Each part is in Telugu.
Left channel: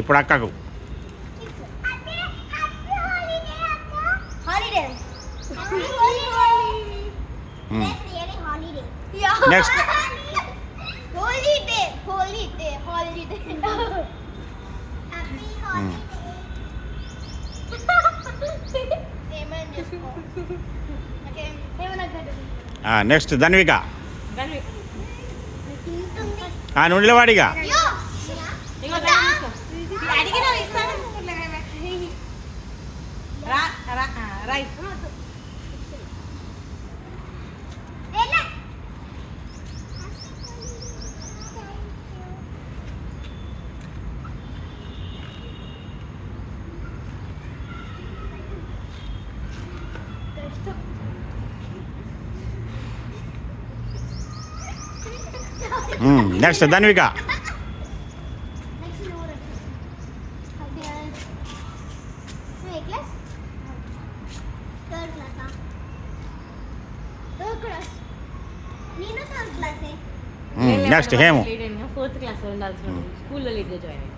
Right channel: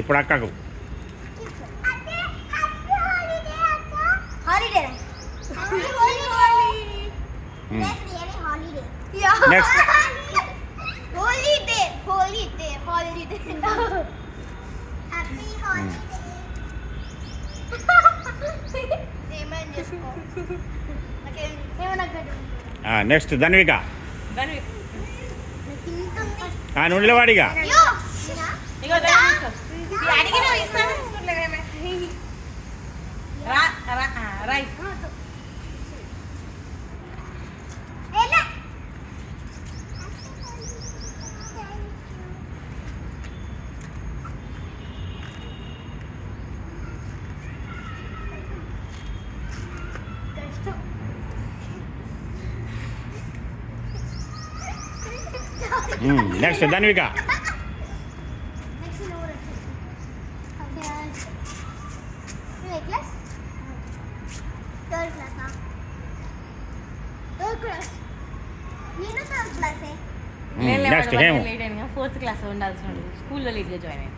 ఇప్పుడు అక్కకు నెక్స్ట్ నెక్స్ట్ ధన్విక నువ్వు నిలవాడిగా next Dhanvika next Hemu 4th class ఉండాల్సిన స్కూల్లో లేట్గా జాయిన్ అయ్యింది.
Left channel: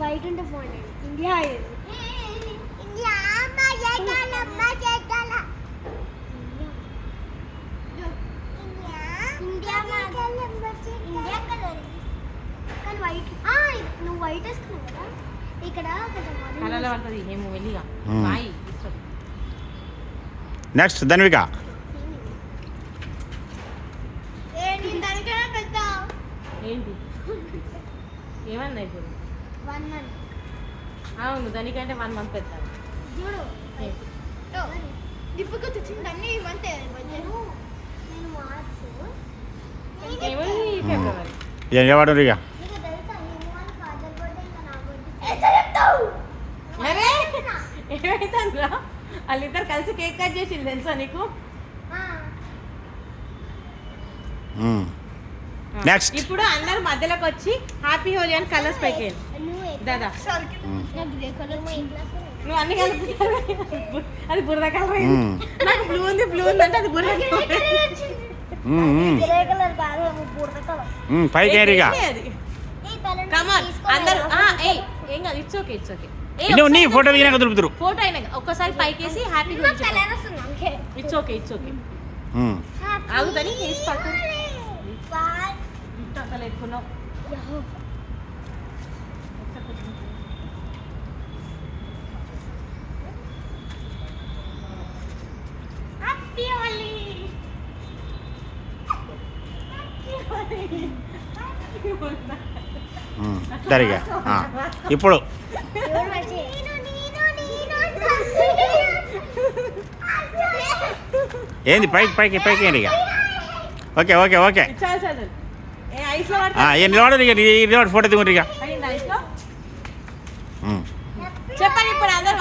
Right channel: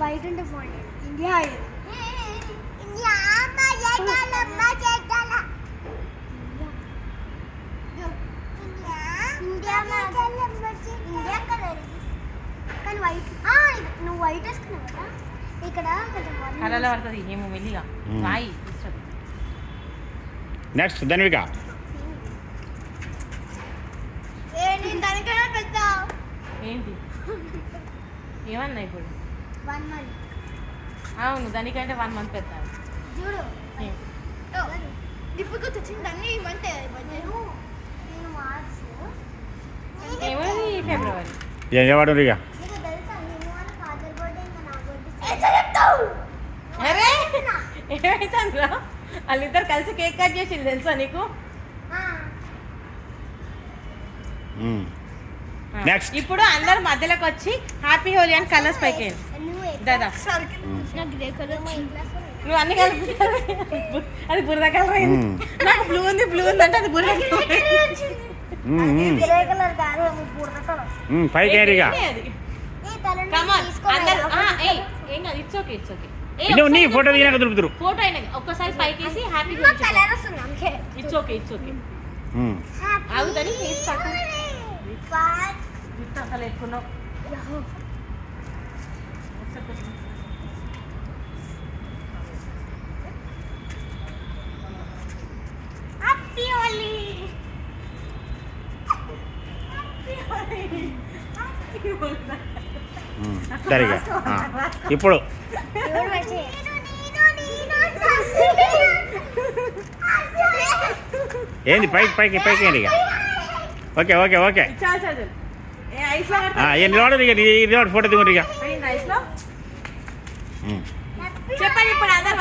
వైట్ అంటే ఫోన్ ఇండియా కానీ వైట్ నువ్వు వైట్ వేసుకున్నావు కదా ఇక్కడ నెక్స్ట్ ధన్విక ఏంటి ఏమన్నా ఇప్పుడు 1 month అవును దానికంటే 1 month పెట్టాలి చూడు ఇప్పుడు తెచ్చింది అన్ని ఈ మంత్ నేను మార్చ్ ఏమని ఫిబ్రవరి ఎవడు ఇక నీకు తెలుసా నేను వాళ్ళ ఫాదర్ బర్త్డే ఇంకా నా బర్త్డే చెప్తావు ఏమైతుందిరా వాళ్ళిద్దరు కలిసి కేక్ కట్ చేసింది తెలుసా నీకు? నెక్స్ట్ ఇప్పుడు అందరు మధ్యలోకి వచ్చి హ్యాపీ హోలీ అని కలర్స్ పైకి దాదా నువ్వు అన్ని కలుపుతావు అది బురద కలర్ బ్లూ ఉంది బ్లూ ఉందంటే అది బురద పైకి నీ ఫోటో దిగినాక దొరుకుతారు ఫోటో అయినా ఒక్కసారి పైకేసి హ్యాపీ ఇట్స్ ఓకే ఆగుతాని ఎక్కున్నావు సరిగా ఇప్పుడు ఏంది పైకి ఏంటి ఇక ఓకే ఫోటో దిగుంటారు ఇక చెప్పండి ఇప్పుడు అందరు